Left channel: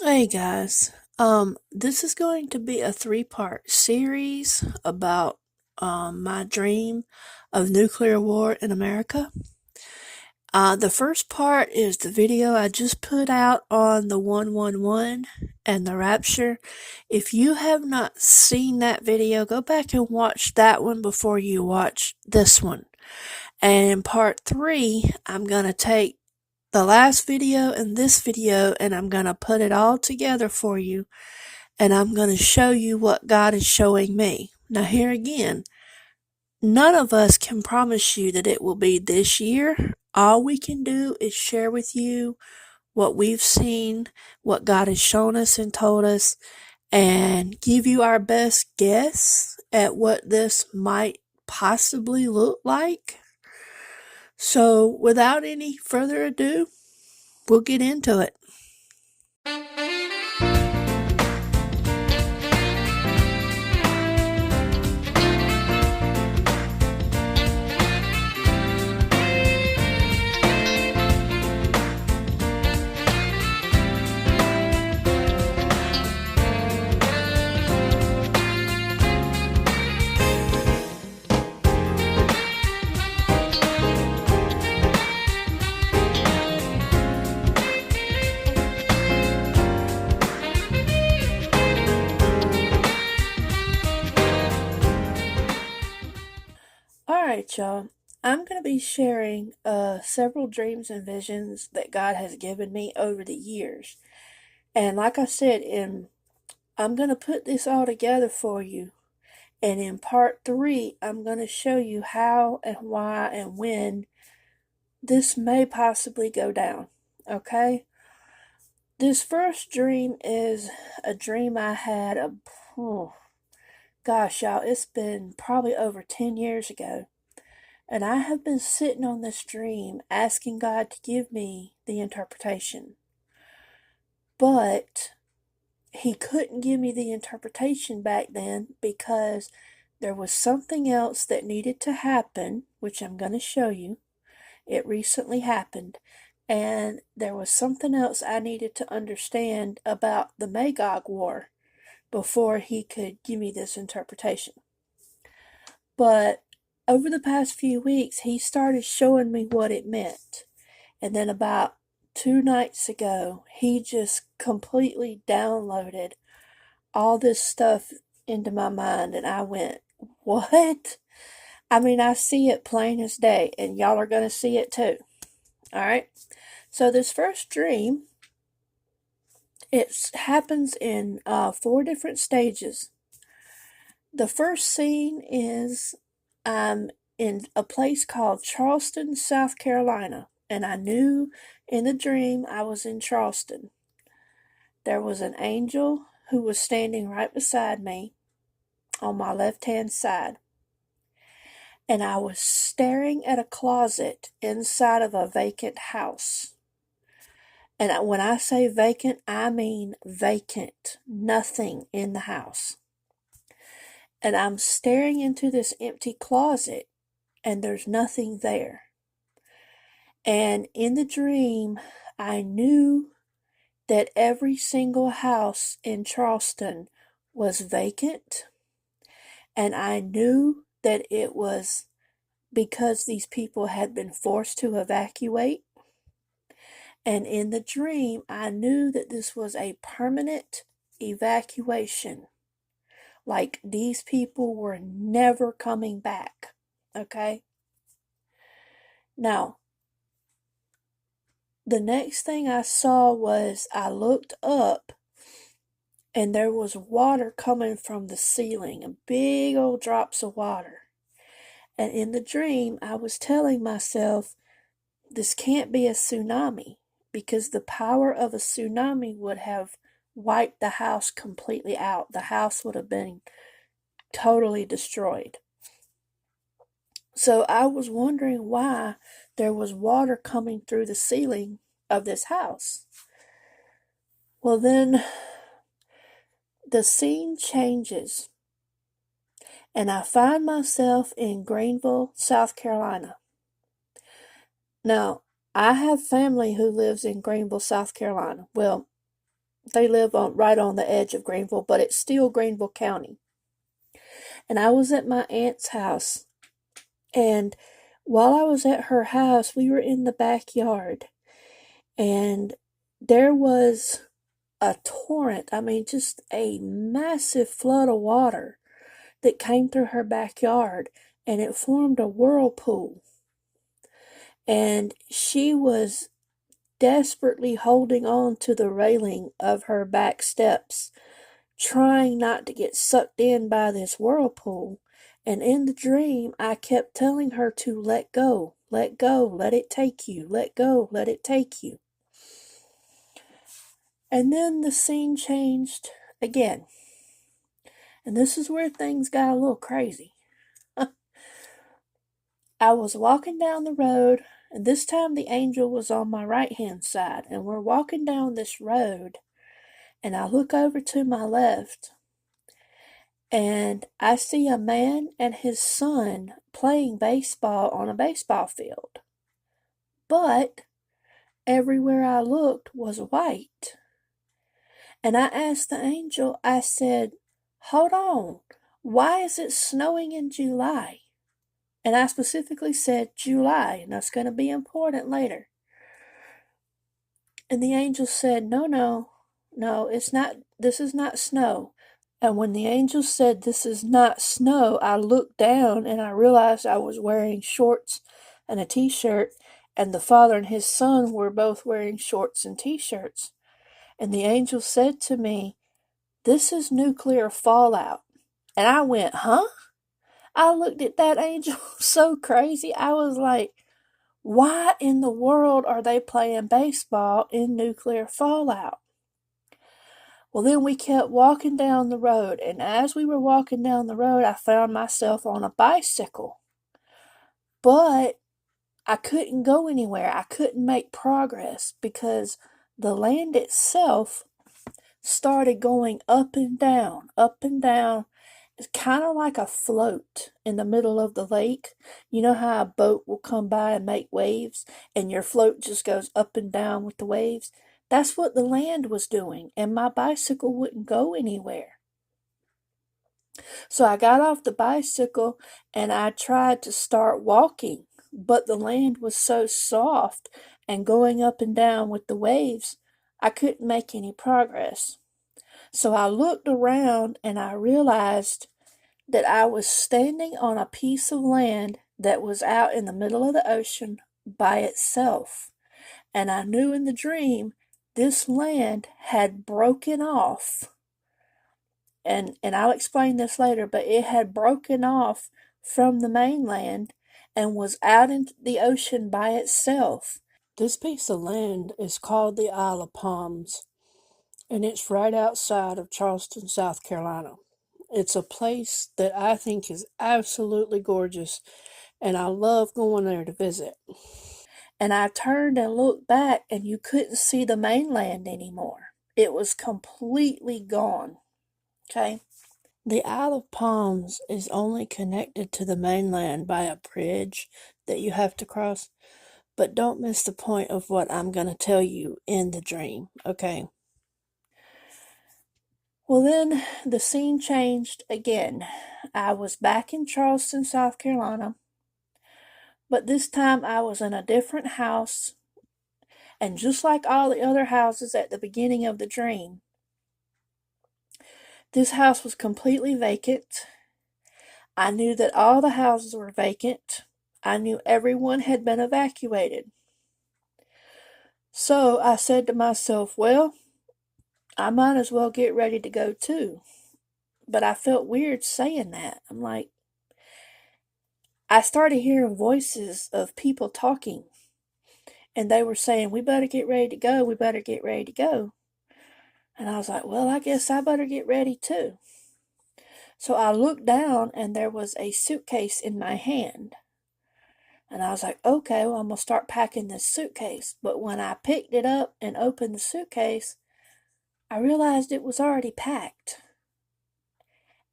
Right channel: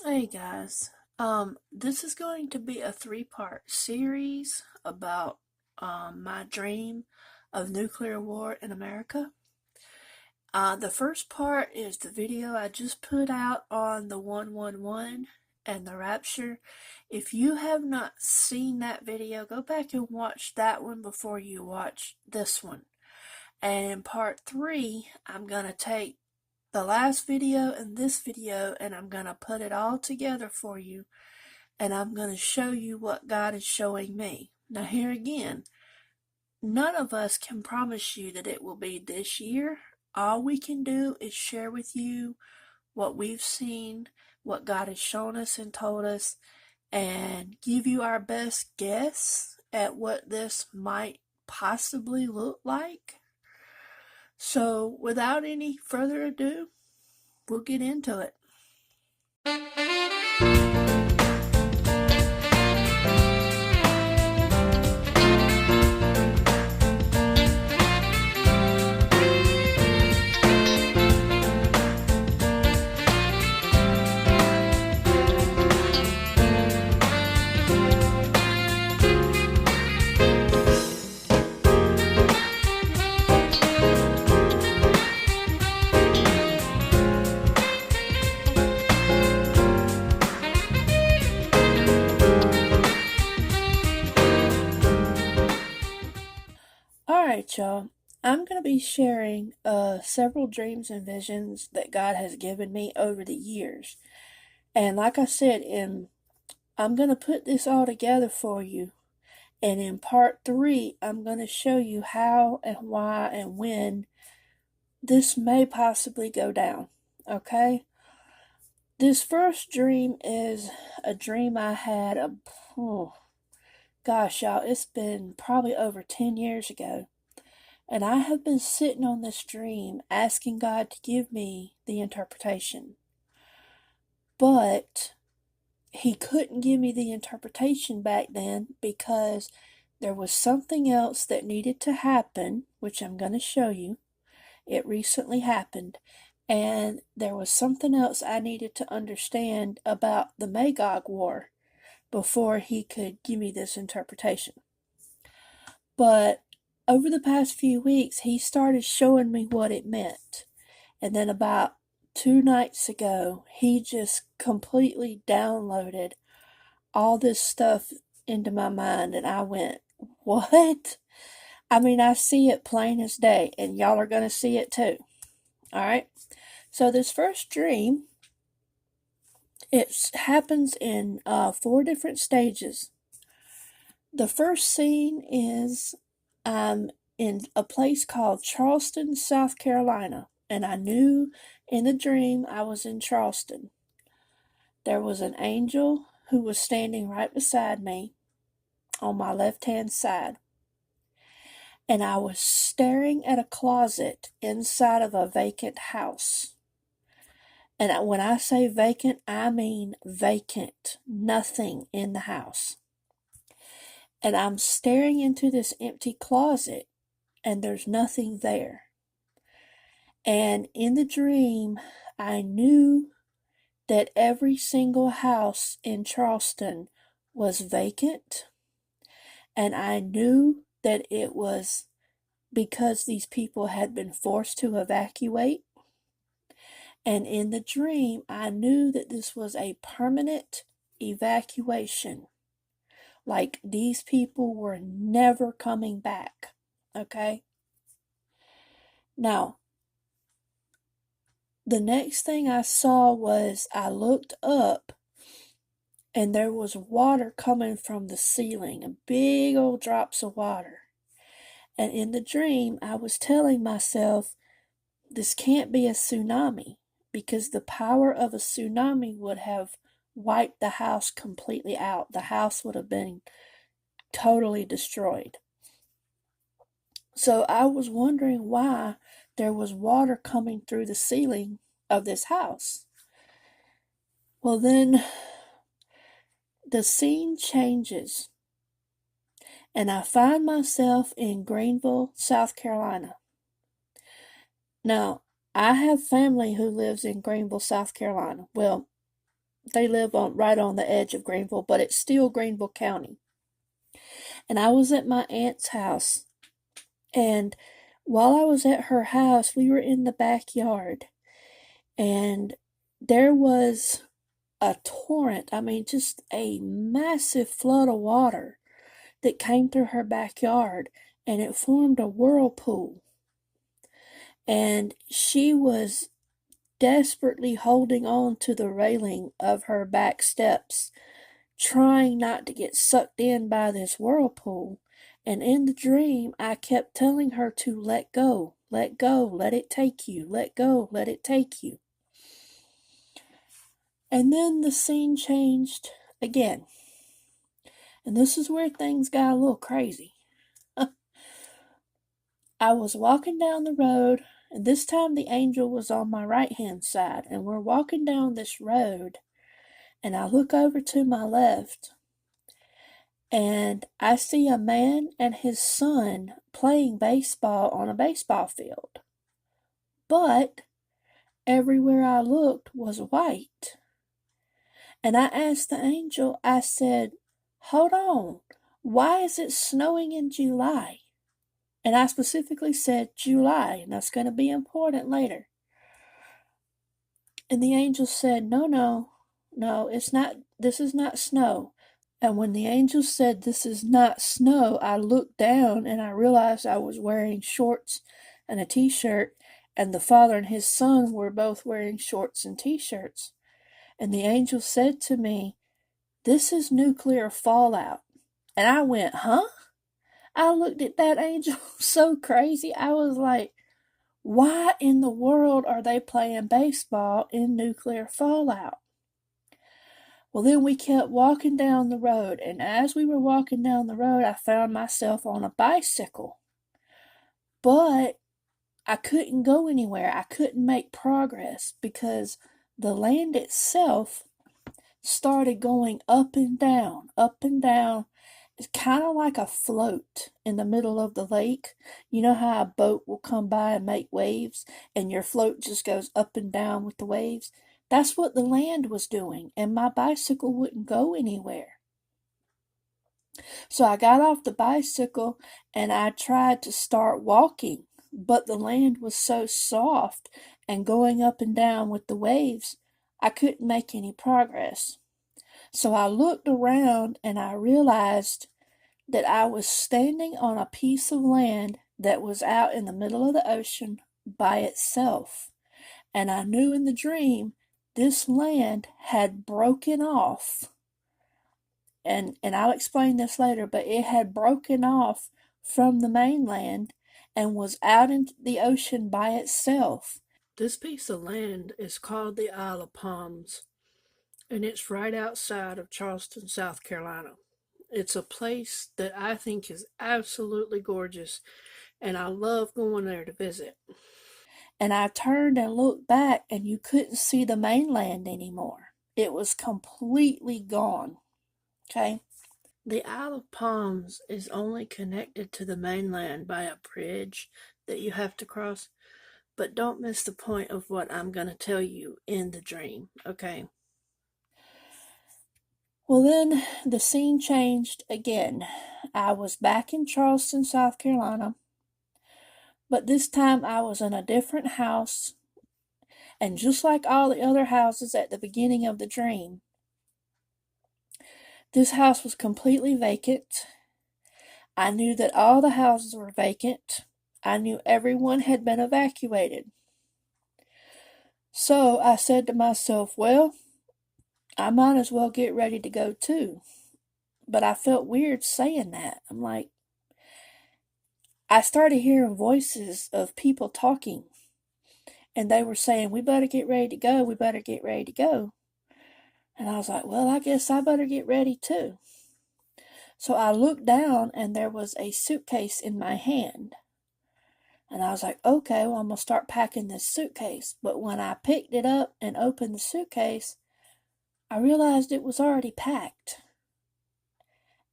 Hey guys, this is going to be a three-part series about my dream of nuclear war in America. The first part is the video I just put out on the 111 and the Rapture. If you have not seen that video, go back and watch that one before you watch this one. And in part three, I'm going to take the last video and this video and I'm going to put it all together for you and I'm going to show you what God is showing me. Now, here again, none of us can promise you that it will be this year. All we can do is share with you what we've seen, what God has shown us and told us, and give you our best guess at what this might possibly look like. So, without any further ado, we'll get into it. Alright, y'all. I'm going to be sharing several dreams and visions that God has given me over the years. And like I said, I'm going to put this all together for you. And in part three, I'm going to show you how and why and when this may possibly go down. Okay? This first dream is a dream I had, oh, gosh, y'all, it's been probably over 10 years ago. And I have been sitting on this dream asking God to give me the interpretation. But He couldn't give me the interpretation back then because there was something else that needed to happen, which I'm going to show you. It recently happened. And there was something else I needed to understand about the Magog War before He could give me this interpretation. But over the past few weeks, He started showing me what it meant. And then about 2 nights ago, He just completely downloaded all this stuff into my mind. And I went, what? I mean, I see it plain as day. And y'all are going to see it too. All right. So this first dream, it happens in 4 different stages. The first scene is in a place called Charleston, South Carolina, and I knew in the dream I was in Charleston. There was an angel who was standing right beside me on my left-hand side, and I was staring at a closet inside of a vacant house. And when I say vacant, I mean vacant, nothing in the house. And I'm staring into this empty closet, and there's nothing there. And in the dream, I knew that every single house in Charleston was vacant. And I knew that it was because these people had been forced to evacuate. And in the dream, I knew that this was a permanent evacuation. Like these people were never coming back. Okay? Now, the next thing I saw was I looked up and there was water coming from the ceiling, big old drops of water. And in the dream, I was telling myself, this can't be a tsunami because the power of a tsunami would have wiped the house completely out. The house would have been totally destroyed. So I was wondering why there was water coming through the ceiling of this house. Well, then the scene changes, and I find myself in Greenville, South Carolina. Now, I have family who lives in Greenville, South Carolina. Well, They live right on the edge of Greenville, but it's still Greenville County. And I was at my aunt's house, and while I was at her house, we were in the backyard, and there was a torrent. I mean, just a massive flood of water that came through her backyard, and it formed a whirlpool. And she was desperately holding on to the railing of her back steps, trying not to get sucked in by this whirlpool. And in the dream, I kept telling her to let go, let go, let it take you, let go, let it take you. And then the scene changed again. And this is where things got a little crazy. I was walking down the road, and this time the angel was on my right hand side, and we're walking down this road, and I look over to my left, and I see a man and his son playing baseball on a baseball field. But everywhere I looked was white. And I asked the angel, I said, hold on, why is it snowing in July? And I specifically said July, and that's going to be important later. And the angel said, no, it's not, this is not snow. And when the angel said, this is not snow, I looked down and I realized I was wearing shorts and a t-shirt, and the father and his son were both wearing shorts and t-shirts. And the angel said to me, this is nuclear fallout. And I went, huh? I looked at that angel so crazy. I was like, why in the world are they playing baseball in nuclear fallout? Well, then we kept walking down the road, and as we were walking down the road, I found myself on a bicycle. But I couldn't go anywhere. I couldn't make progress because the land itself started going up and down, up and down. It's kind of like a float in the middle of the lake. You know how a boat will come by and make waves, and your float just goes up and down with the waves? That's what the land was doing, and my bicycle wouldn't go anywhere. So I got off the bicycle and I tried to start walking, but the land was so soft and going up and down with the waves, I couldn't make any progress. So I looked around and I realized that I was standing on a piece of land that was out in the middle of the ocean by itself. And I knew in the dream this land had broken off. And I'll explain this later, but it had broken off from the mainland and was out in the ocean by itself. This piece of land is called the Isle of Palms, and it's right outside of Charleston, South Carolina. It's a place that I think is absolutely gorgeous, and I love going there to visit. And I turned and looked back, and you couldn't see the mainland anymore. It was completely gone. Okay? The Isle of Palms is only connected to the mainland by a bridge that you have to cross, but don't miss the point of what I'm going to tell you in the dream, okay? Well, then the scene changed again. I was back in Charleston, South Carolina, but this time I was in a different house, and just like all the other houses at the beginning of the dream, this house was completely vacant. I knew that all the houses were vacant. I knew everyone had been evacuated. So I said to myself, well, I might as well get ready to go too. But I felt weird saying that. I'm like, I started hearing voices of people talking, and they were saying, we better get ready to go, we better get ready to go. And I was like, well, I guess I better get ready too. So I looked down, and there was a suitcase in my hand. And I was like, okay, well, I'm going to start packing this suitcase. But when I picked it up and opened the suitcase, I realized it was already packed.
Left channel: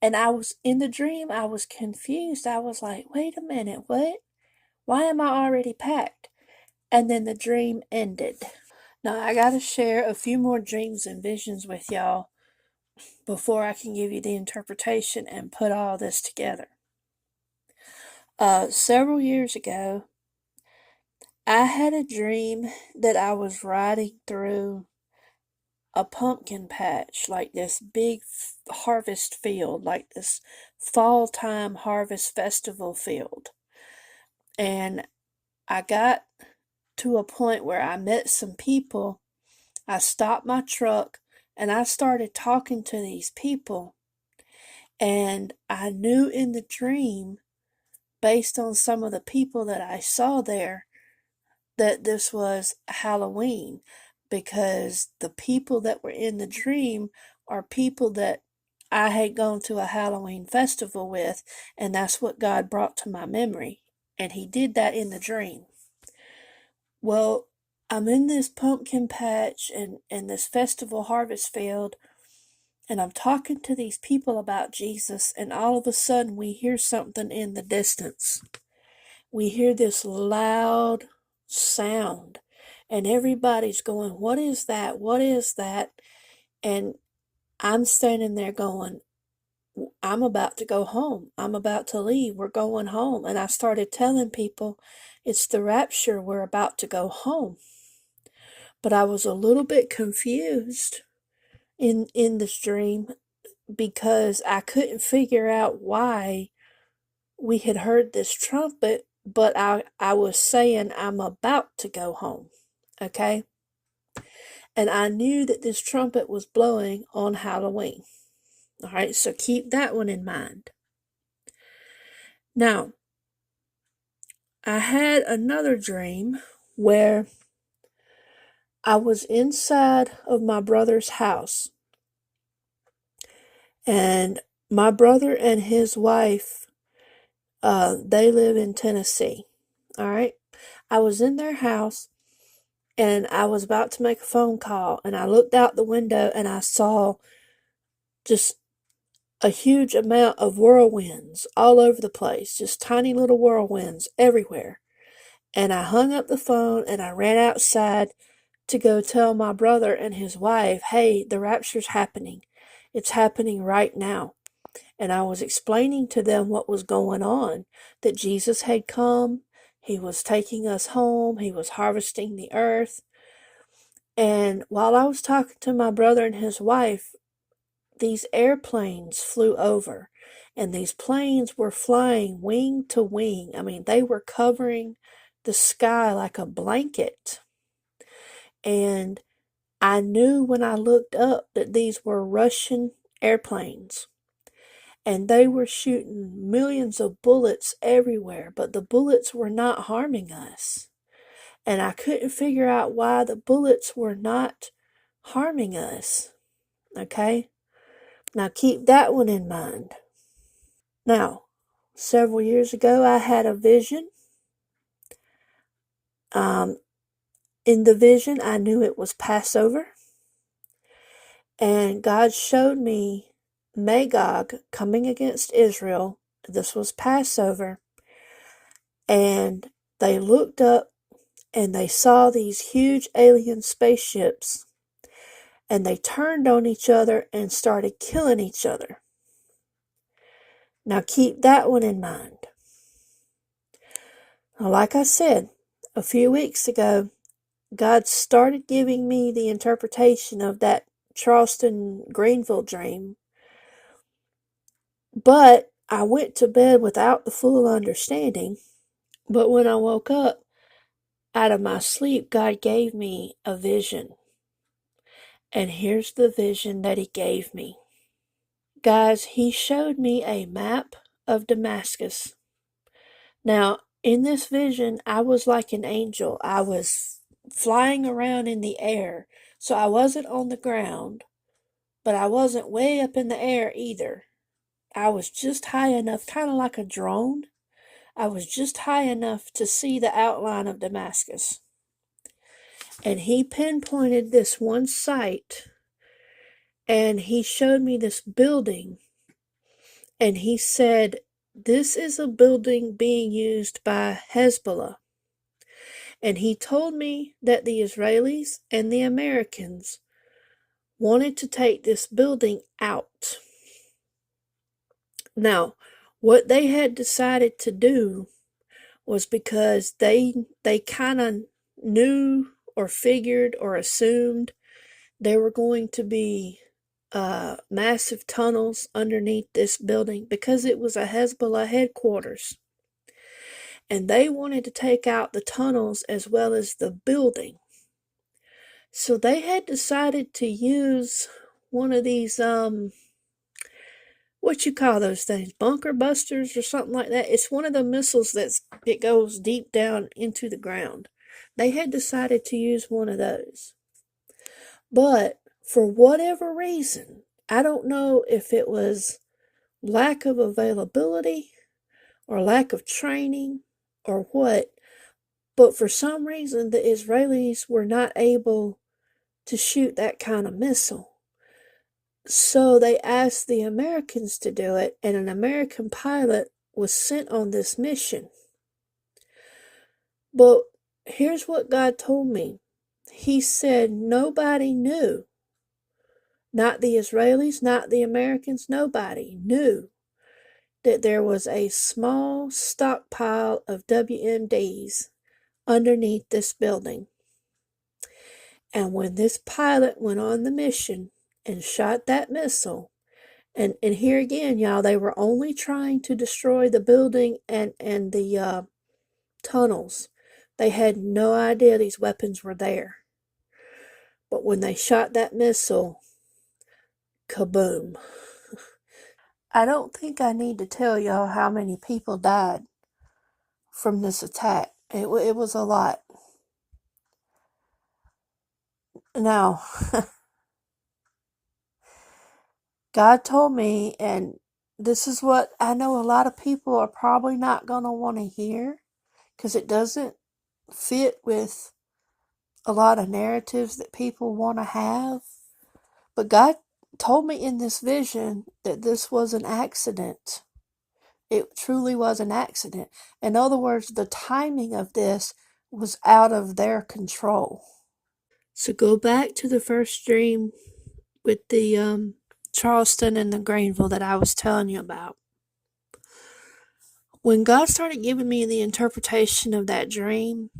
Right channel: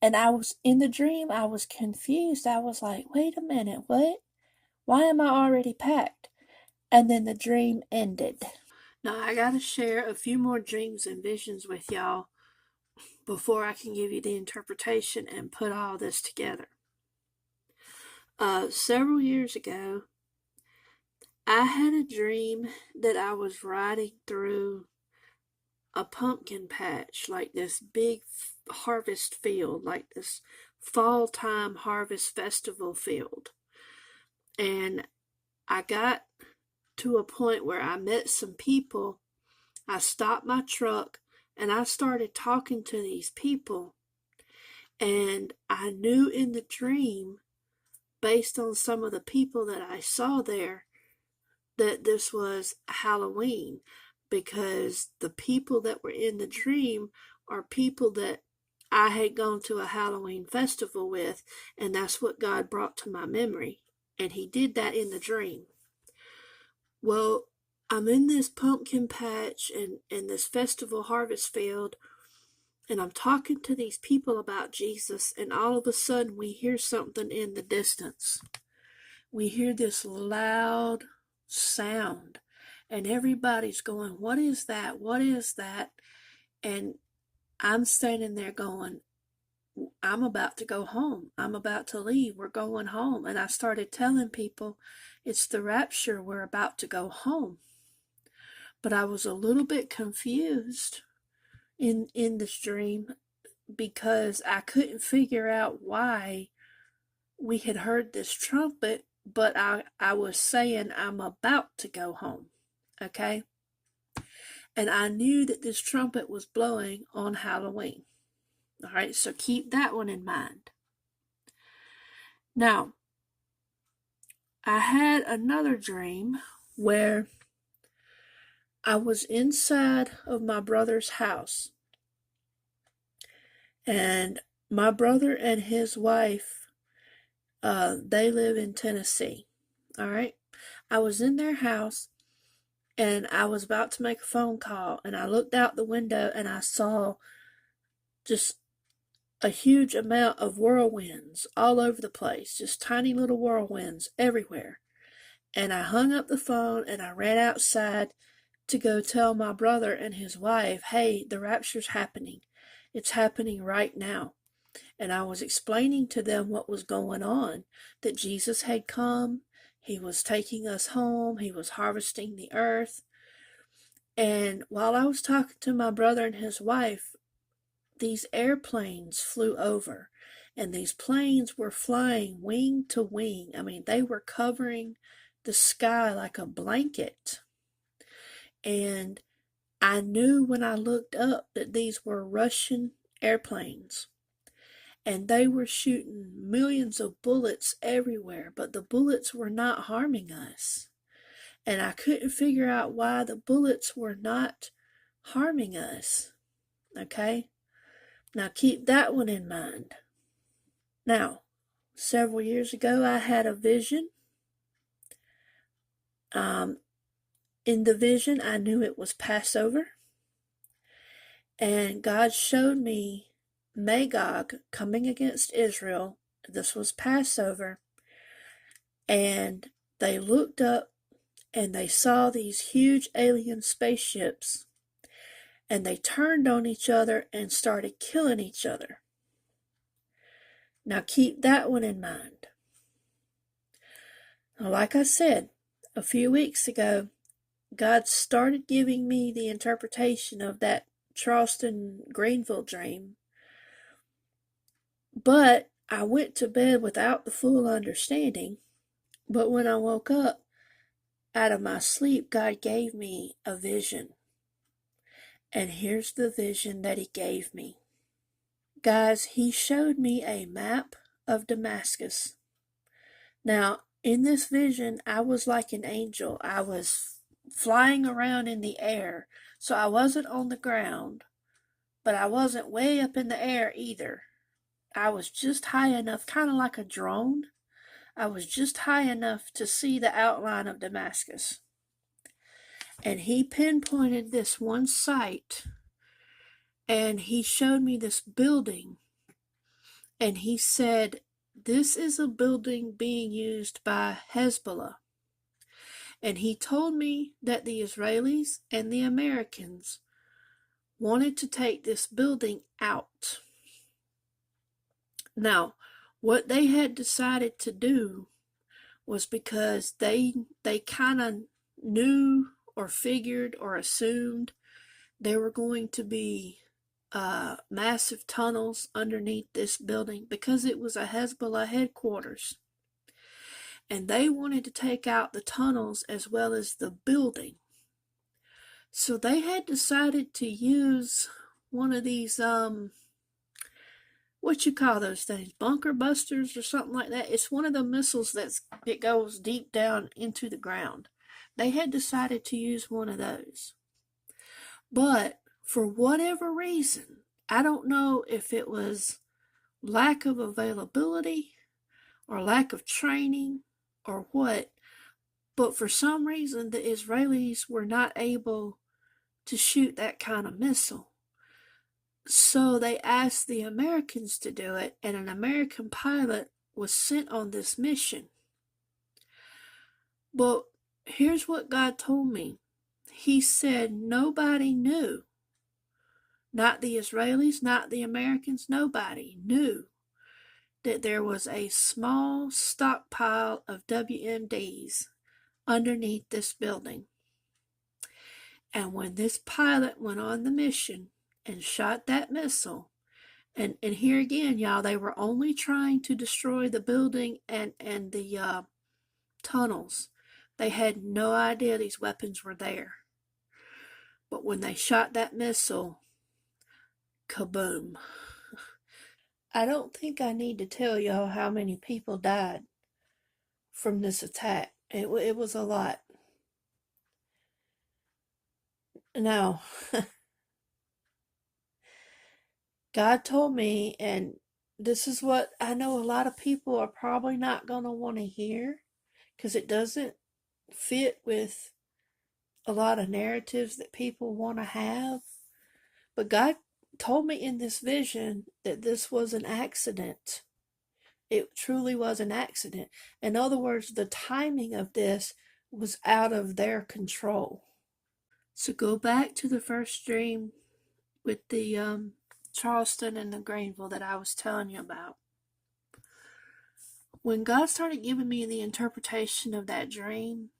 And I was in the dream, I was confused. I was like, wait a minute, what? Why am I already packed? And then the dream ended. Now, I gotta share a few more dreams and visions with y'all before I can give you the interpretation and put all this together. Several years ago, I had a dream that I was riding through a pumpkin patch, like this big harvest field, like this fall time harvest festival field. And I got to a point where I met some people. I stopped my truck and I started talking to these people. And I knew in the dream, based on some of the people that I saw there, that this was Halloween, because the people that were in the dream are people that I had gone to a Halloween festival with, and that's what God brought to my memory. And He did that in the dream. Well, I'm in this pumpkin patch and this festival harvest field, and I'm talking to these people about Jesus, and all of a sudden we hear something in the distance. We hear this loud sound, and everybody's going, "What is that? What is that?" And I'm standing there going, "I'm about to go home. I'm about to leave. We're going home." And I started telling people, "It's the rapture. We're about to go home." But I was a little bit confused in this dream because I couldn't figure out why we had heard this trumpet, but I was saying I'm about to go home, okay? And I knew that this trumpet was blowing on Halloween. All right, so keep that one in mind. Now, I had another dream where I was inside of my brother's house, and my brother and his wife, they live in Tennessee. All right, I was in their house, and I was about to make a phone call, and I looked out the window and I saw just a huge amount of whirlwinds all over the place, just tiny little whirlwinds everywhere. And I hung up the phone and I ran outside to go tell my brother and his wife, "Hey, the rapture's happening. It's happening right now." And I was explaining to them what was going on, that Jesus had come, He was taking us home, He was harvesting the earth. And while I was talking to my brother and his wife, these airplanes flew over, and these planes were flying wing to wing. I mean, they were covering the sky like a blanket. And I knew when I looked up that these were Russian airplanes. And they were shooting millions of bullets everywhere, but the bullets were not harming us. And I couldn't figure out why the bullets were not harming us. Okay? Now keep that one in mind. Now, several years ago, I had a vision. In the vision, I knew it was Passover. And God showed me Magog coming against Israel. This was Passover. And they looked up and they saw these huge alien spaceships. And they turned on each other and started killing each other. Now keep that one in mind. Now, like I said, a few weeks ago, God started giving me the interpretation of that Charleston Greenville dream. But I went to bed without the full understanding. But when I woke up out of my sleep, God gave me a vision. And here's the vision that He gave me. Guys, He showed me a map of Damascus. Now, in this vision, I was like an angel. I was flying around in the air. So I wasn't on the ground, but I wasn't way up in the air either. I was just high enough, kind of like a drone. I was just high enough to see the outline of Damascus. And He pinpointed this one site, and He showed me this building. And He said, "This is a building being used by Hezbollah." And he told me that the Israelis and the Americans wanted to take this building out. Now, what they had decided to do was because they kind of knew or figured or assumed there were going to be massive tunnels underneath this building because it was a Hezbollah headquarters. And they wanted to take out the tunnels as well as the building. So they had decided to use one of these, what you call those things, bunker busters or something like that. It's one of the missiles that goes deep down into the ground. They had decided to use one of those. But for whatever reason, I don't know if it was lack of availability or lack of training or what, but for some reason the Israelis were not able to shoot that kind of missile. So they asked the Americans to do it, and an American pilot was sent on this mission. But here's what God told me. He said nobody knew. Not the Israelis, not the Americans, nobody knew that there was a small stockpile of WMDs underneath this building. And when this pilot went on the mission and shot that missile, and here again, y'all, they were only trying to destroy the building and the tunnels. They had no idea these weapons were there. But when they shot that missile, kaboom. I don't think I need to tell y'all how many people died from this attack. It was a lot. Now, God told me, and this is what I know a lot of people are probably not going to want to hear because it doesn't fit with a lot of narratives that people want to have. But God told me in this vision that this was an accident. It truly was an accident. In other words, the timing of this was out of their control. So go back to the first dream with the Charleston and the Greenville that I was telling you about. When God started giving me the interpretation of that dream,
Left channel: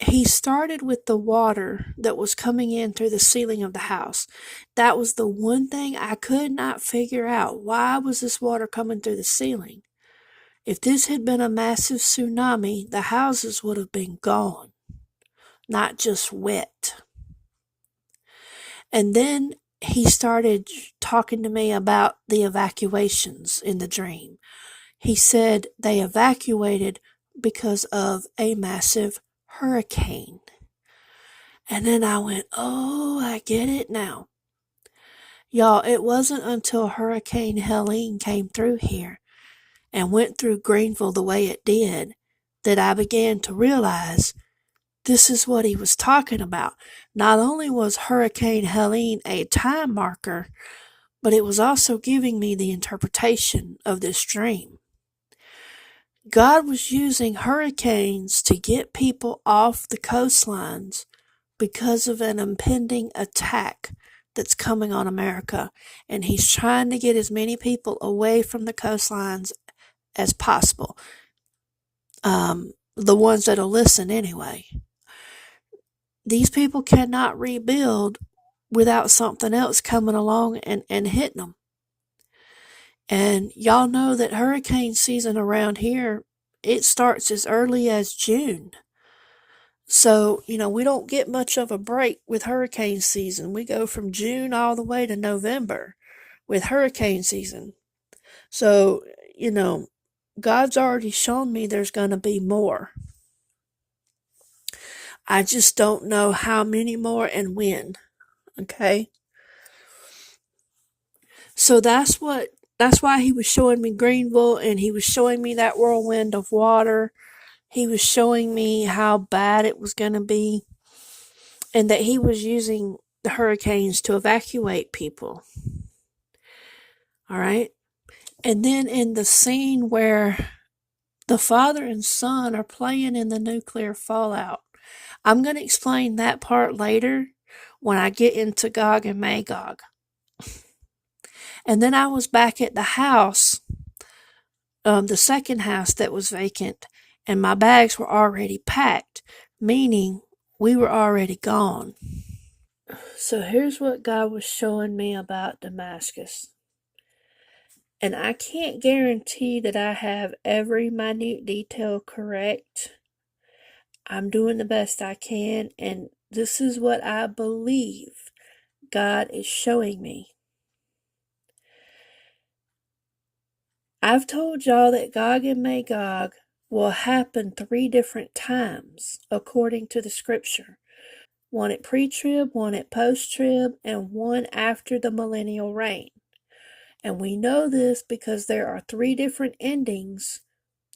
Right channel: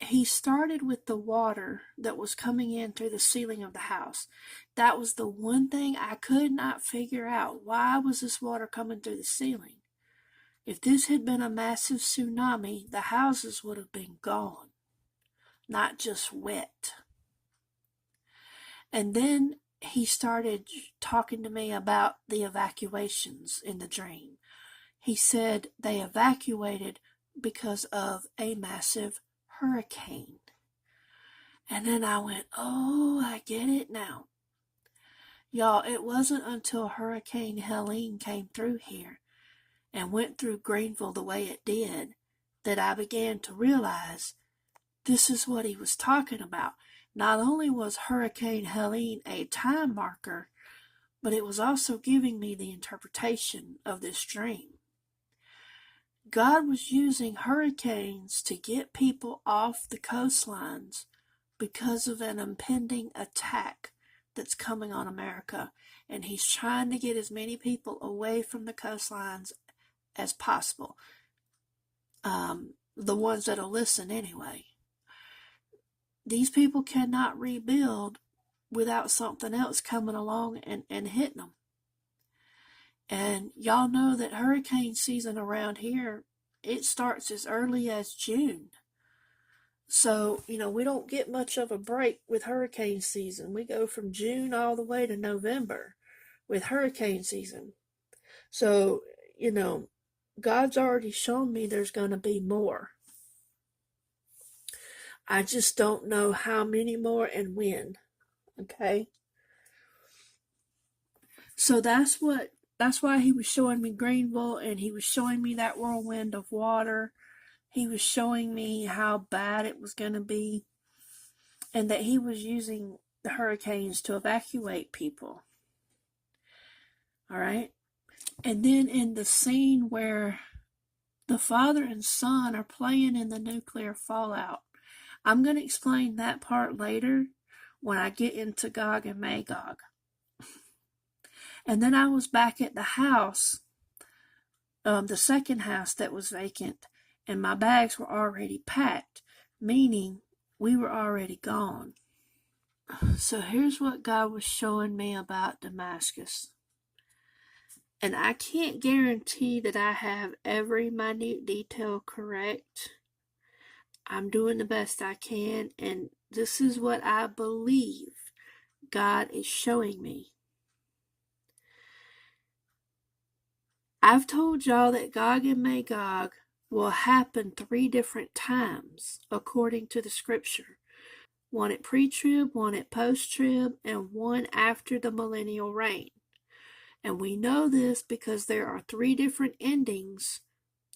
he started with the water that was coming in through the ceiling of the house. That was the one thing I could not figure out. Why was this water coming through the ceiling? If this had been a massive tsunami, the houses would have been gone, not just wet. And then he started talking to me about the evacuations in the dream. He said they evacuated because of a massive hurricane. And then I went, oh, I get it now. Y'all, it wasn't until Hurricane Helene came through here and went through Greenville the way it did that I began to realize this is what he was talking about. Not only was Hurricane Helene a time marker, but it was also giving me the interpretation of this dream. God was using hurricanes to get people off the coastlines because of an impending attack that's coming on America. And he's trying to get as many people away from the coastlines as possible. The ones that'll listen anyway. These people cannot rebuild without something else coming along and hitting them. And y'all know that hurricane season around here, it starts as early as June. So, we don't get much of a break with hurricane season. We go from June all the way to November with hurricane season. So, God's already shown me there's going to be more. I just don't know how many more and when. Okay? So that's why he was showing me Greenville, and he was showing me that whirlwind of water. He was showing me how bad it was going to be, and that he was using the hurricanes to evacuate people. All right? And then in the scene where The father and son are playing in the nuclear fallout. I'm going to explain that part later when I get into Gog and Magog. And then I was back at the house, the second house that was vacant, and my bags were already packed, meaning we were already gone. So here's what God was showing me about Damascus. And I can't guarantee that I have every minute detail correct. I'm doing the best I can, and this is what I believe God is showing me. I've told y'all that Gog and Magog will happen 3 different times according to the scripture. One at pre-trib, one at post-trib, and one after the millennial reign. And we know this because there are 3 different endings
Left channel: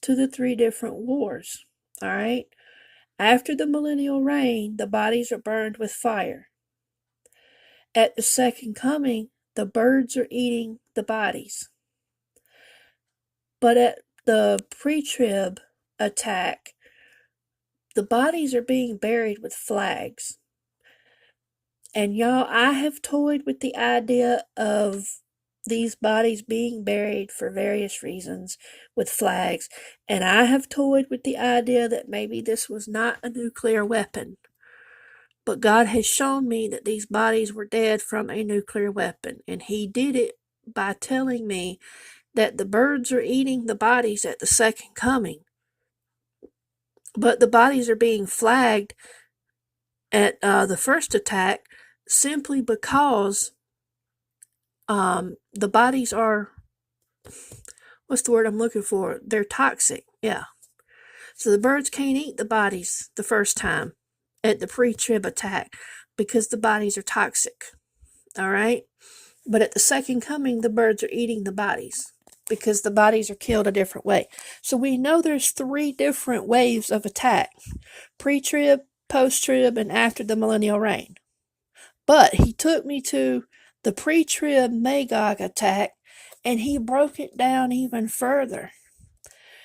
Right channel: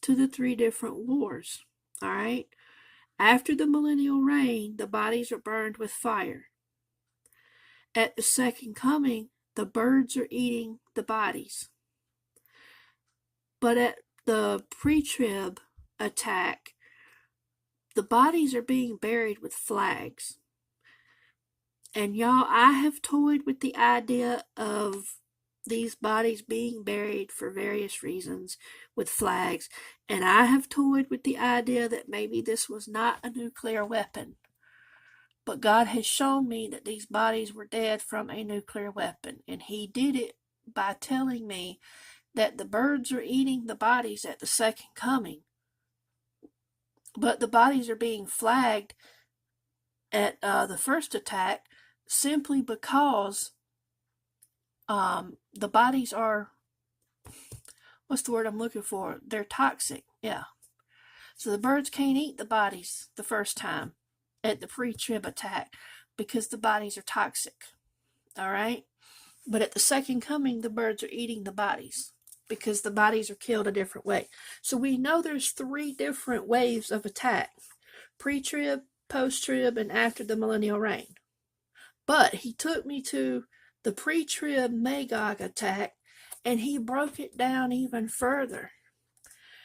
to the 3 different wars. All right? After the millennial reign, the bodies are burned with fire. At the second coming, the birds are eating the bodies. But at the pre-trib attack, the bodies are being buried with flags. And y'all, I have toyed with the idea of these bodies being buried for various reasons with flags. And I have toyed with the idea that maybe this was not a nuclear weapon. But God has shown me that these bodies were dead from a nuclear weapon. And He did it by telling me that the birds are eating the bodies at the second coming. But the bodies are being flagged at the first attack simply because the bodies are, what's the word I'm looking for? They're toxic. Yeah. So the birds can't eat the bodies the first time at the pre-trib attack because the bodies are toxic. All right. But at the second coming, the birds are eating the bodies because the bodies are killed a different way. So we know there's 3 different waves of attack: pre-trib, post-trib, and after the millennial reign. But He took me to the pre-trib Magog attack, and He broke it down even further.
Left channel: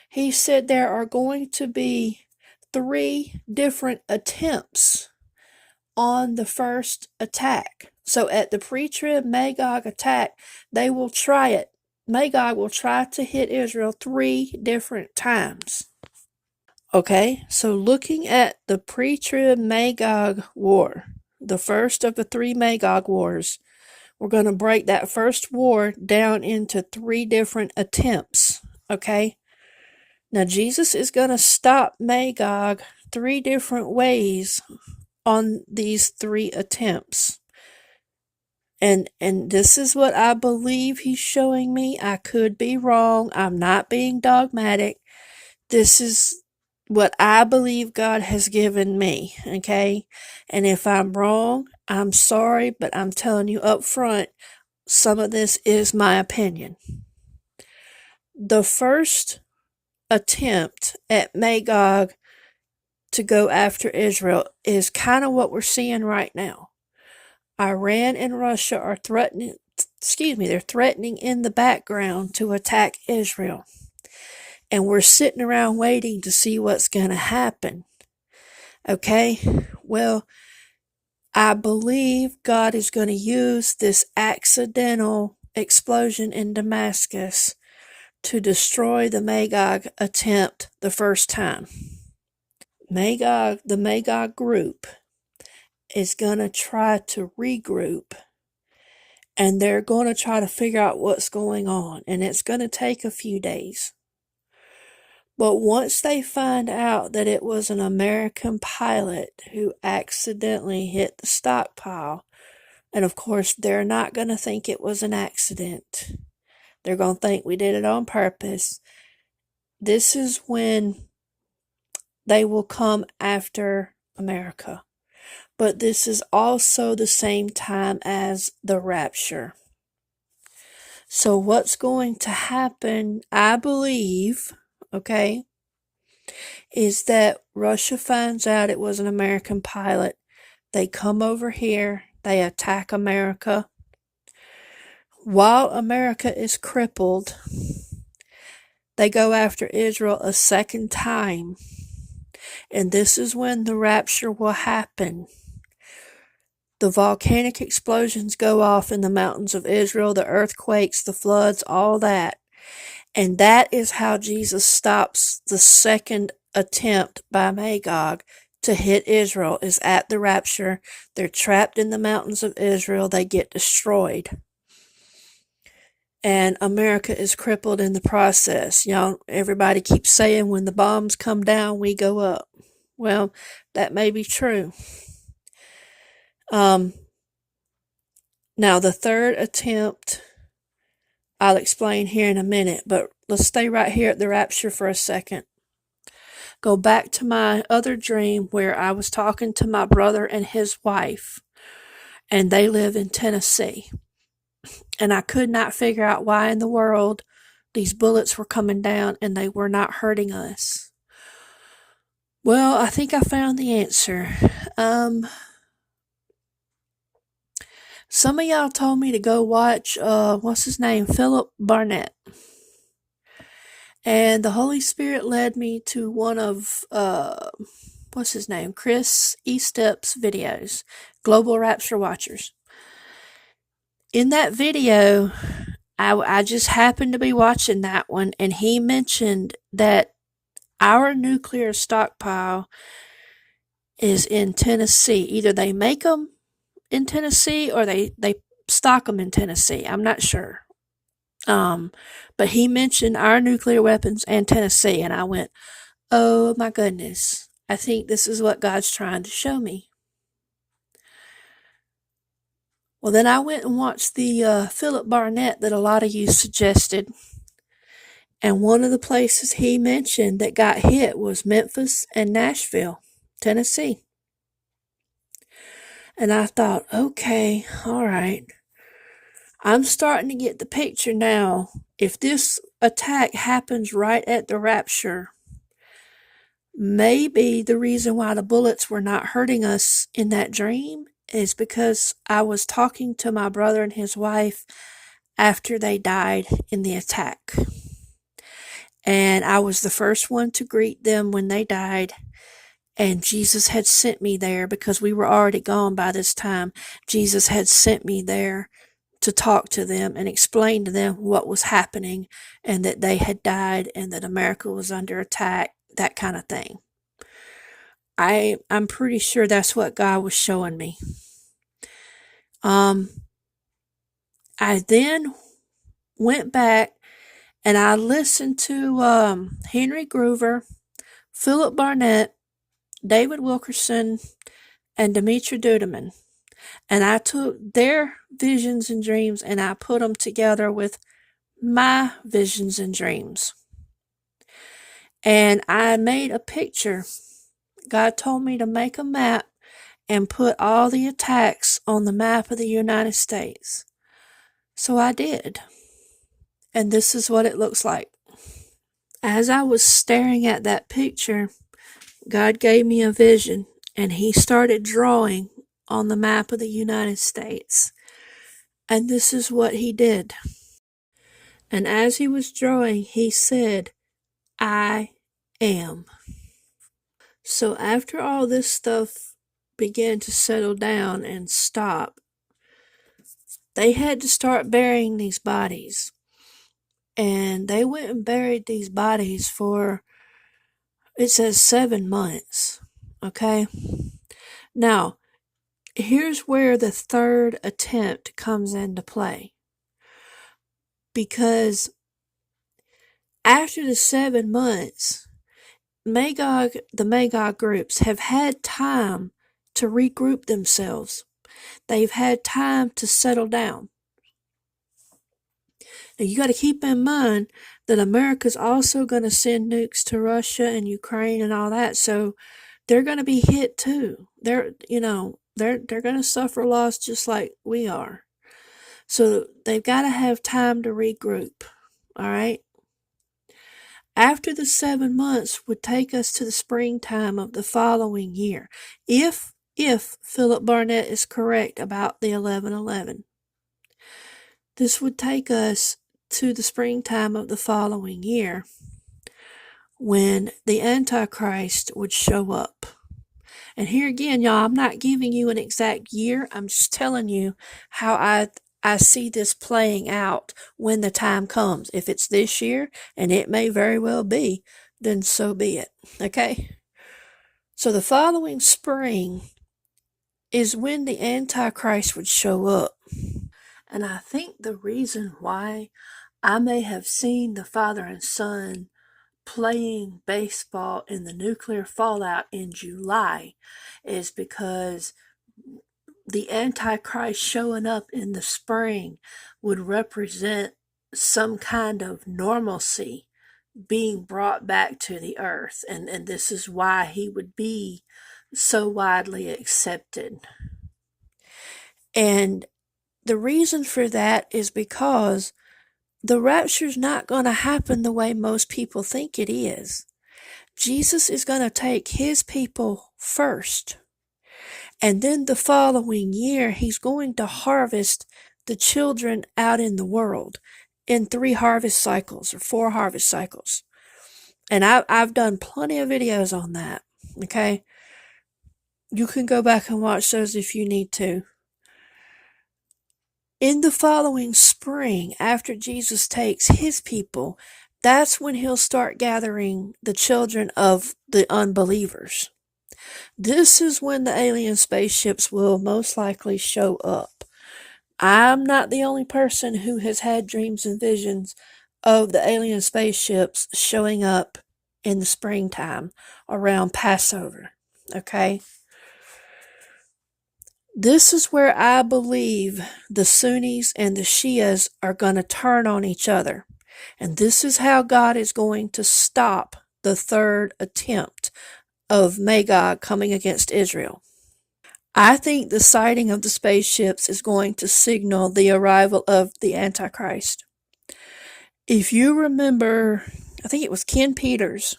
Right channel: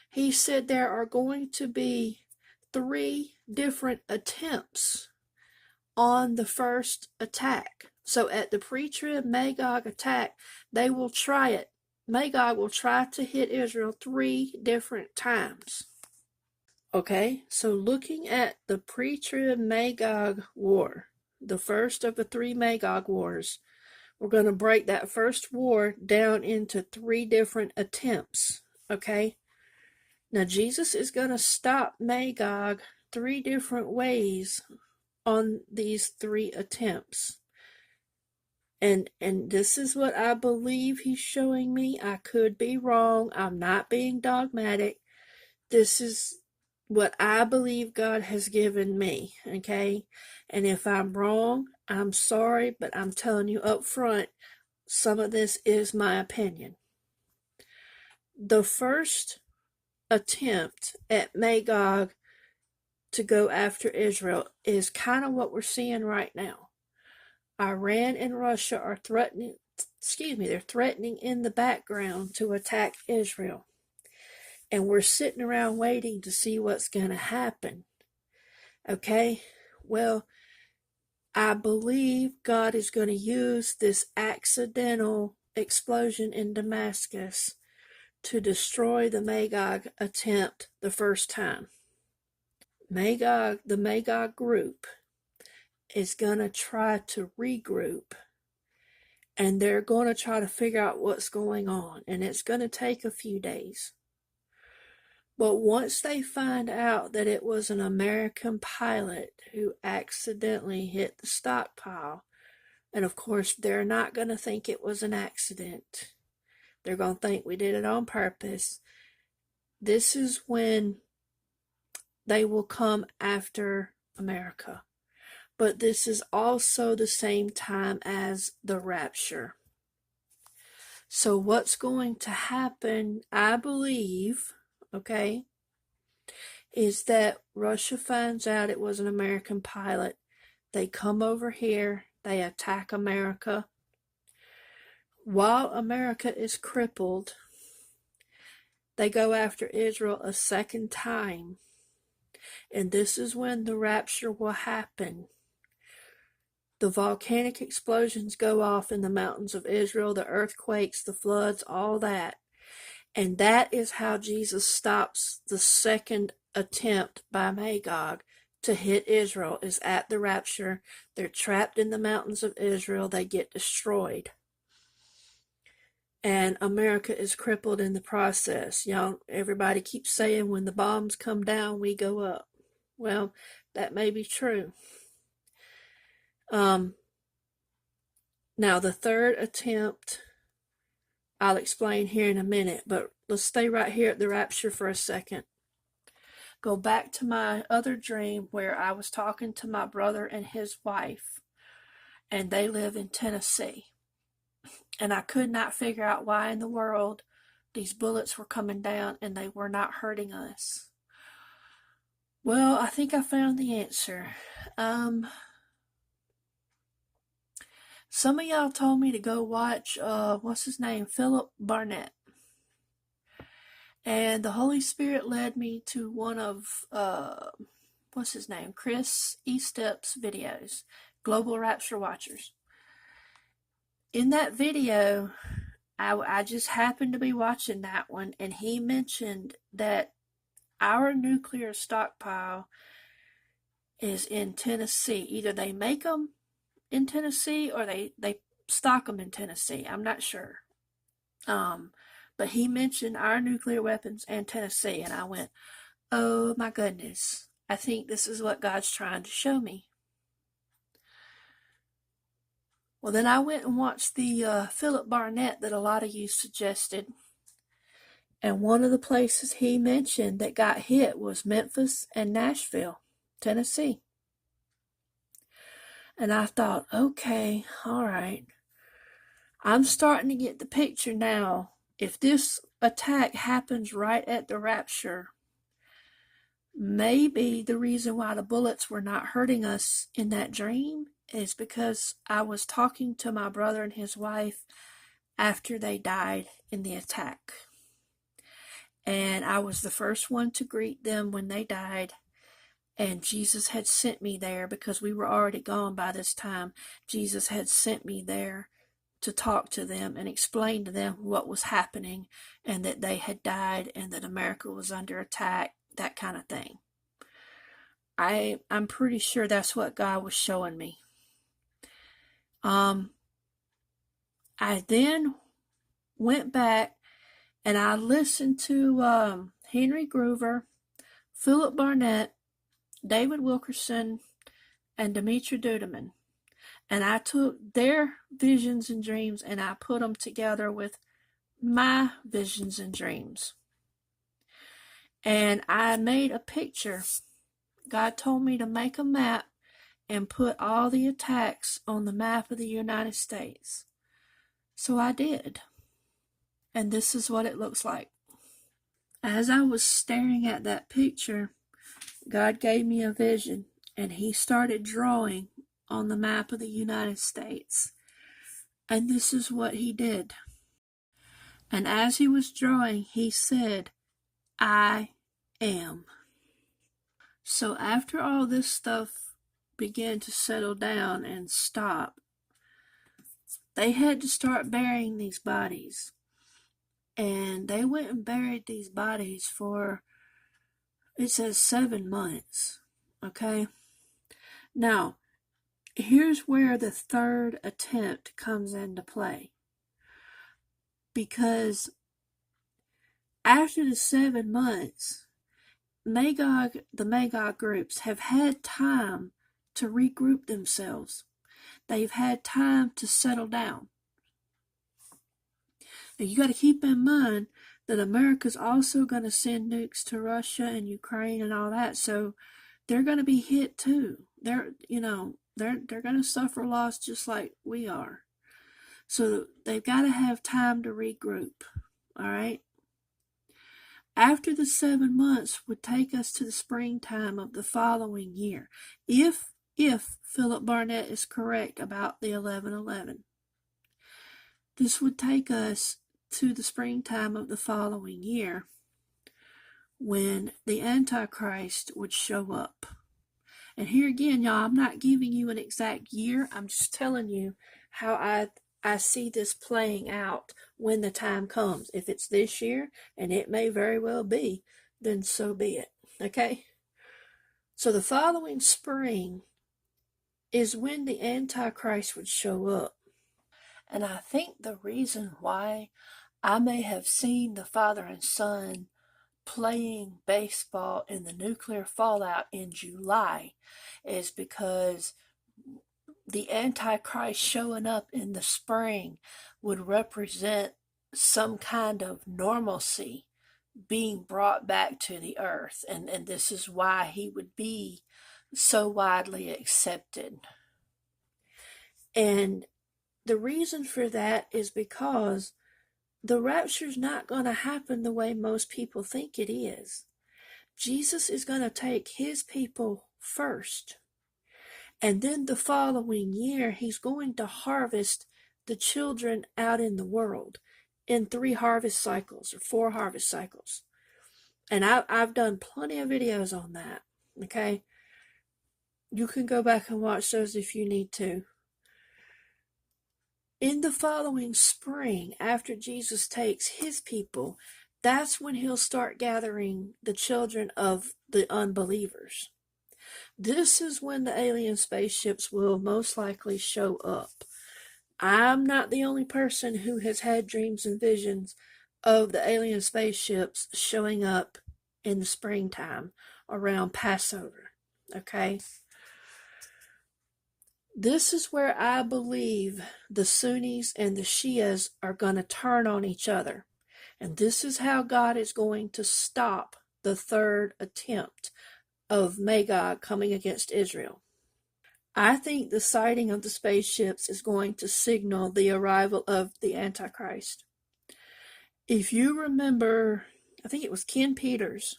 He said there are going to be 3 different attempts on the first attack. So at the pre-trib Magog attack, they will try it. Magog will try to hit Israel 3 different times. Okay, so looking at the pre-trib Magog war, the first of the 3 Magog wars, we're going to break that first war down into 3 different attempts. Okay, now Jesus is going to stop Magog 3 different ways on these 3 attempts. And this is what I believe He's showing me. I could be wrong. I'm not being dogmatic. This is what I believe God has given me, okay? And if I'm wrong, I'm sorry, but I'm telling you up front, some of this is my opinion. The first attempt at Magog to go after Israel is kind of what we're seeing right now. Iran and Russia are threatening in the background to attack Israel. And we're sitting around waiting to see what's going to happen. Okay? Well, I believe God is going to use this accidental explosion in Damascus to destroy the Magog attempt the first time. The Magog group is going to try to regroup, and they're going to try to figure out what's going on, and it's going to take a few days. But once they find out that it was an American pilot who accidentally hit the stockpile, and of course they're not going to think it was an accident. They're going to think we did it on purpose. This is when they will come after America. But this is also the same time as the rapture. So what's going to happen, I believe, okay, is that Russia finds out it was an American pilot. They come over here. They attack America. While America is crippled, they go after Israel a second time. And this is when the rapture will happen. The volcanic explosions go off in the mountains of Israel, the earthquakes, the floods, all that. And that is how Jesus stops the second attempt by Magog to hit Israel, is at the rapture. They're trapped in the mountains of Israel. They get destroyed. And America is crippled in the process. Everybody keeps saying when the bombs come down, we go up. Well, that may be true. Now, the third attempt, I'll explain here in a minute, but let's stay right here at the rapture for a second. Go back to my other dream where I was talking to my brother and his wife, and they live in Tennessee. And I could not figure out why in the world these bullets were coming down and they were not hurting us. Well, I think I found the answer. Some of y'all told me to go watch, what's his name? Philip Barnett. And the Holy Spirit led me to one of, what's his name? Chris E-Step's videos, Global Rapture Watchers. In that video, I just happened to be watching that one, and he mentioned that our nuclear stockpile is in Tennessee. Either they make them in Tennessee or they stock them in Tennessee. I'm not sure. But he mentioned our nuclear weapons and Tennessee, and I went, oh my goodness, I think this is what God's trying to show me. Well, then I went and watched the Philip Barnett that a lot of you suggested. And one of the places he mentioned that got hit was Memphis and Nashville, Tennessee. And I thought, okay, all right. I'm starting to get the picture now. If this attack happens right at the rapture, maybe the reason why the bullets were not hurting us in that dream is because I was talking to my brother and his wife after they died in the attack. And I was the first one to greet them when they died. And Jesus had sent me there because we were already gone by this time. Jesus had sent me there to talk to them and explain to them what was happening and that they had died and that America was under attack, that kind of thing. I'm pretty sure that's what God was showing me. I then went back and I listened to Henry Groover, Philip Barnett, David Wilkerson, and Demetra Dudeman. And I took their visions and dreams and I put them together with my visions and dreams. And I made a picture. God told me to make a map and put all the attacks on the map of the United States. So I did. And this is what it looks like. As I was staring at that picture, God gave me a vision and he started drawing on the map of the United States. And this is what he did. And as he was drawing, he said, I am. So after all this stuff began to settle down and stop, they had to start burying these bodies. And they went and buried these bodies for, it says 7 months. Okay? Now, here's where the third attempt comes into play. Because after the 7 months, the Magog groups have had time to regroup themselves. They've had time to settle down. Now you got to keep in mind that America's also going to send nukes to Russia and Ukraine and all that, so they're going to be hit too. They're going to suffer loss just like we are. So they've got to have time to regroup. All right. After the 7 months would take us to the springtime of the following year, if Philip Barnett is correct about the 11/11. This would take us to the springtime of the following year. when the Antichrist would show up. And here again, y'all, I'm not giving you an exact year. I'm just telling you how I see this playing out when the time comes. If it's this year, and it may very well be, then so be it. Okay? So the following spring is when the Antichrist would show up. And I think the reason why I may have seen the father and son playing baseball in the nuclear fallout in July is because the Antichrist showing up in the spring would represent some kind of normalcy being brought back to the earth. And this is why he would be so widely accepted. And the reason for that is because the rapture's not going to happen the way most people think it is. Jesus is going to take his people first. And then the following year, he's going to harvest the children out in the world in 3 harvest cycles or 4 harvest cycles. And I've done plenty of videos on that, okay? You can go back and watch those if you need to. In the following spring, after Jesus takes his people, that's when he'll start gathering the children of the unbelievers. This is when the alien spaceships will most likely show up. I'm not the only person who has had dreams and visions of the alien spaceships showing up in the springtime around Passover. Okay? This is where I believe the Sunnis and the Shias are going to turn on each other. And this is how God is going to stop the third attempt of Magog coming against Israel. I think the sighting of the spaceships is going to signal the arrival of the Antichrist. If you remember, I think it was Ken Peters,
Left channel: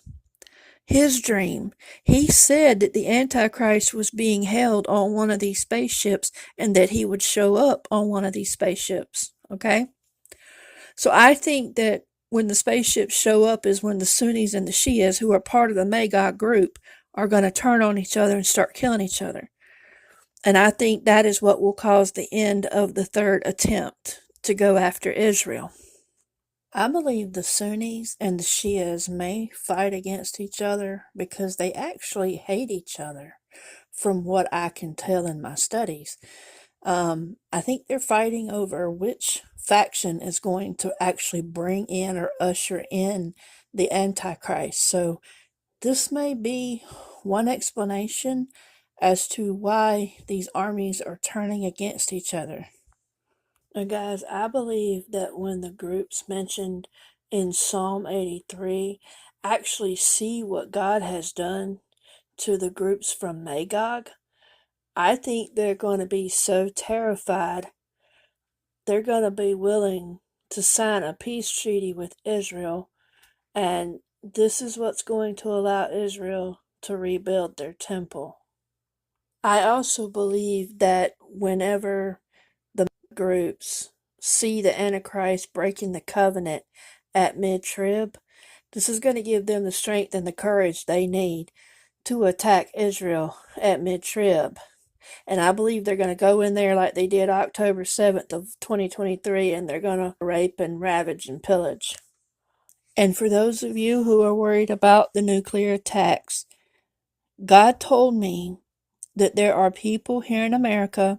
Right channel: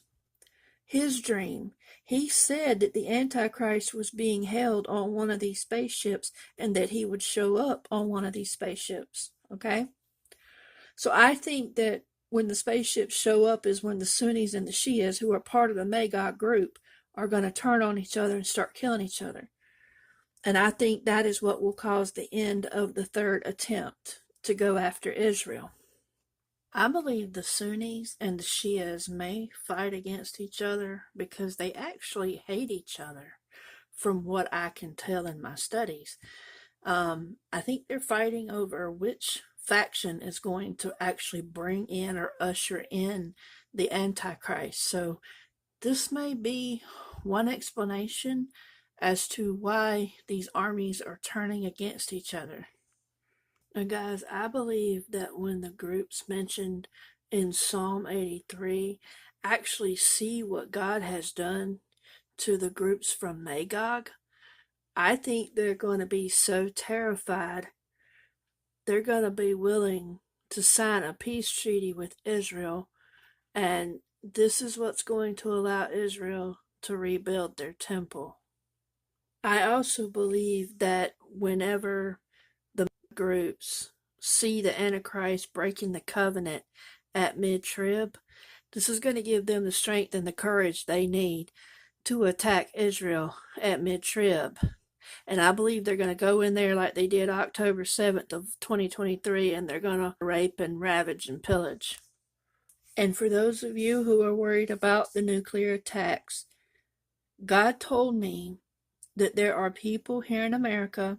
his dream, he said that the Antichrist was being held on one of these spaceships and that he would show up on one of these spaceships. Okay? So I think that when the spaceships show up is when the Sunnis and the Shias, who are part of the Magog group, are going to turn on each other and start killing each other. And I think that is what will cause the end of the third attempt to go after Israel. I believe the Sunnis and the Shias may fight against each other because they actually hate each other, from what I can tell in my studies. I think they're fighting over which faction is going to actually bring in or usher in the Antichrist. So this may be one explanation as to why these armies are turning against each other. Now, guys, I believe that when the groups mentioned in Psalm 83 actually see what God has done to the groups from Magog, I think they're going to be so terrified, they're going to be willing to sign a peace treaty with Israel, and this is what's going to allow Israel to rebuild their temple. I also believe that whenever the groups see the Antichrist breaking the covenant at mid-trib, this is going to give them the strength and the courage they need to attack Israel at mid-trib. And I believe they're going to go in there like they did October 7th of 2023, and they're going to rape and ravage and pillage. And for those of you who are worried about the nuclear attacks, God told me that there are people here in America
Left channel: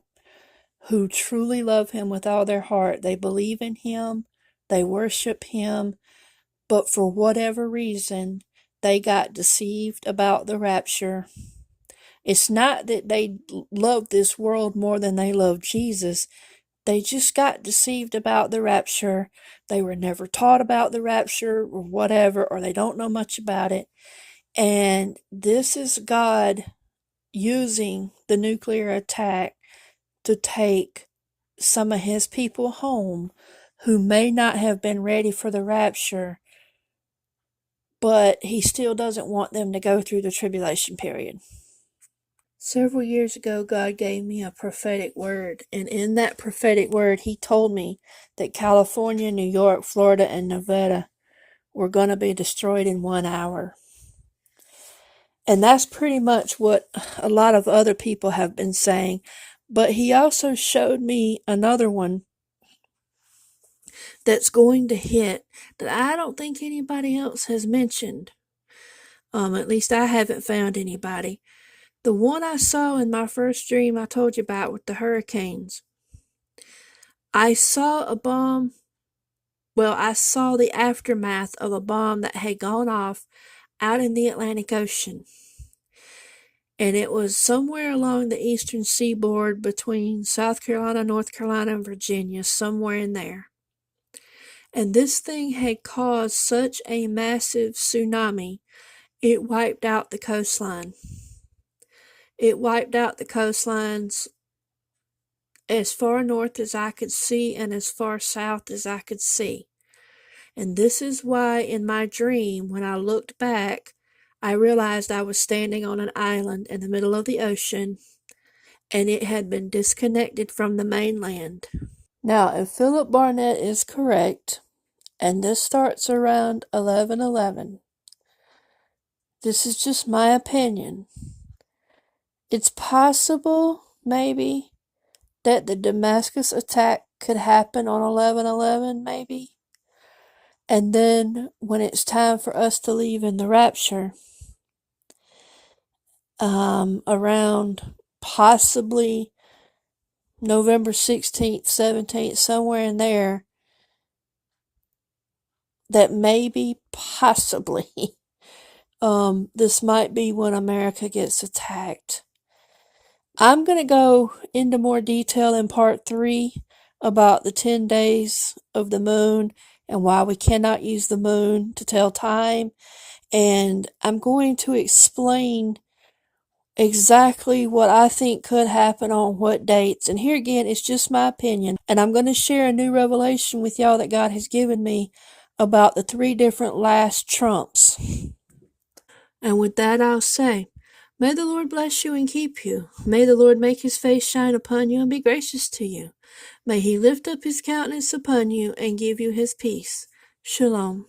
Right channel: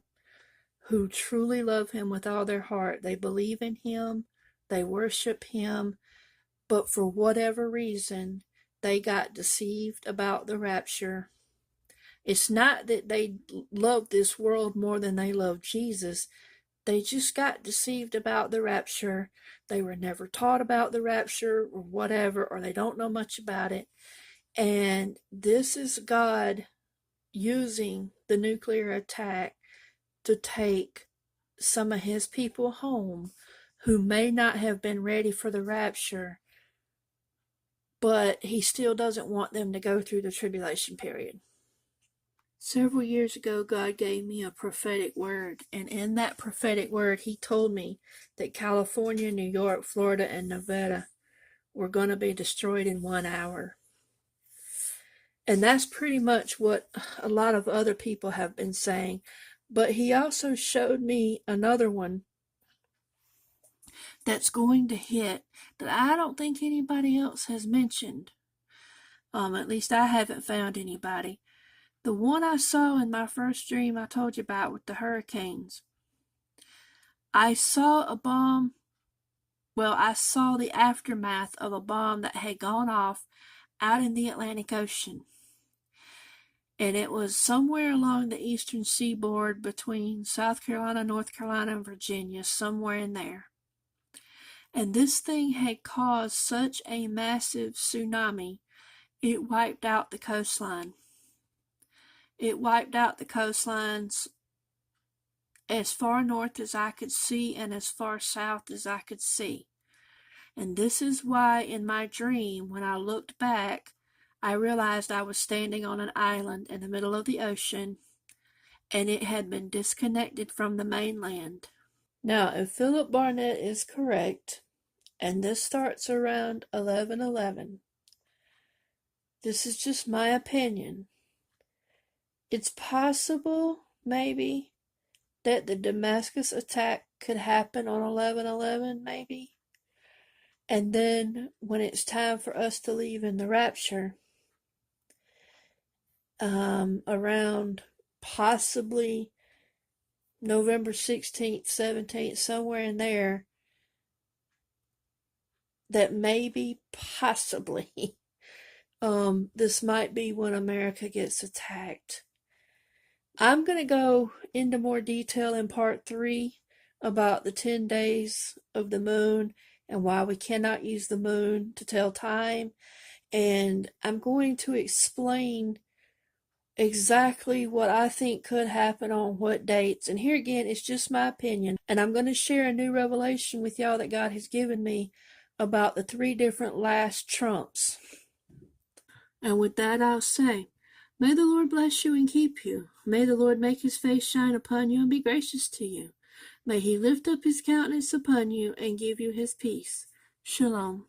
who truly love him with all their heart. They believe in him, they worship him, but for whatever reason, they got deceived about the rapture. It's not that they love this world more than they love Jesus. They just got deceived about the rapture. They were never taught about the rapture or whatever, or they don't know much about it. And this is God using the nuclear attack to take some of his people home who may not have been ready for the rapture, but he still doesn't want them to go through the tribulation period. Several years ago, God gave me a prophetic word, and in that prophetic word, he told me that California, New York, Florida, and Nevada were going to be destroyed in 1 hour. And that's pretty much what a lot of other people have been saying. But he also showed me another one that's going to hit that I don't think anybody else has mentioned. At least I haven't found anybody. The one I saw in my first dream I told you about with the hurricanes. I saw a bomb. Well, I saw the aftermath of a bomb that had gone off out in the Atlantic Ocean. And it was somewhere along the eastern seaboard between South Carolina, North Carolina, and Virginia, somewhere in there. And this thing had caused such a massive tsunami, it wiped out the coastline. It wiped out the coastlines as far north as I could see and as far south as I could see. And this is why in my dream, when I looked back, I realized I was standing on an island in the middle of the ocean, and it had been disconnected from the mainland. Now, if Philip Barnett is correct, and this starts around 11:11, this is just my opinion. It's possible, maybe, that the Damascus attack could happen on 11:11, maybe. And then when it's time for us to leave in the Rapture, around possibly November 16th, 17th, somewhere in there, that maybe, possibly, this might be when America gets attacked. I'm going to go into more detail in part 3 about the 10 days of the moon and why we cannot use the moon to tell time. And I'm going to explain exactly what I think could happen on what dates. And here again, it's just my opinion. And I'm going to share a new revelation with y'all that God has given me about the 3 different last trumps. And with that, I'll say, may the Lord bless you and keep you. May the Lord make his face shine upon you and be gracious to you. May he lift up his countenance upon you and give you his peace. Shalom.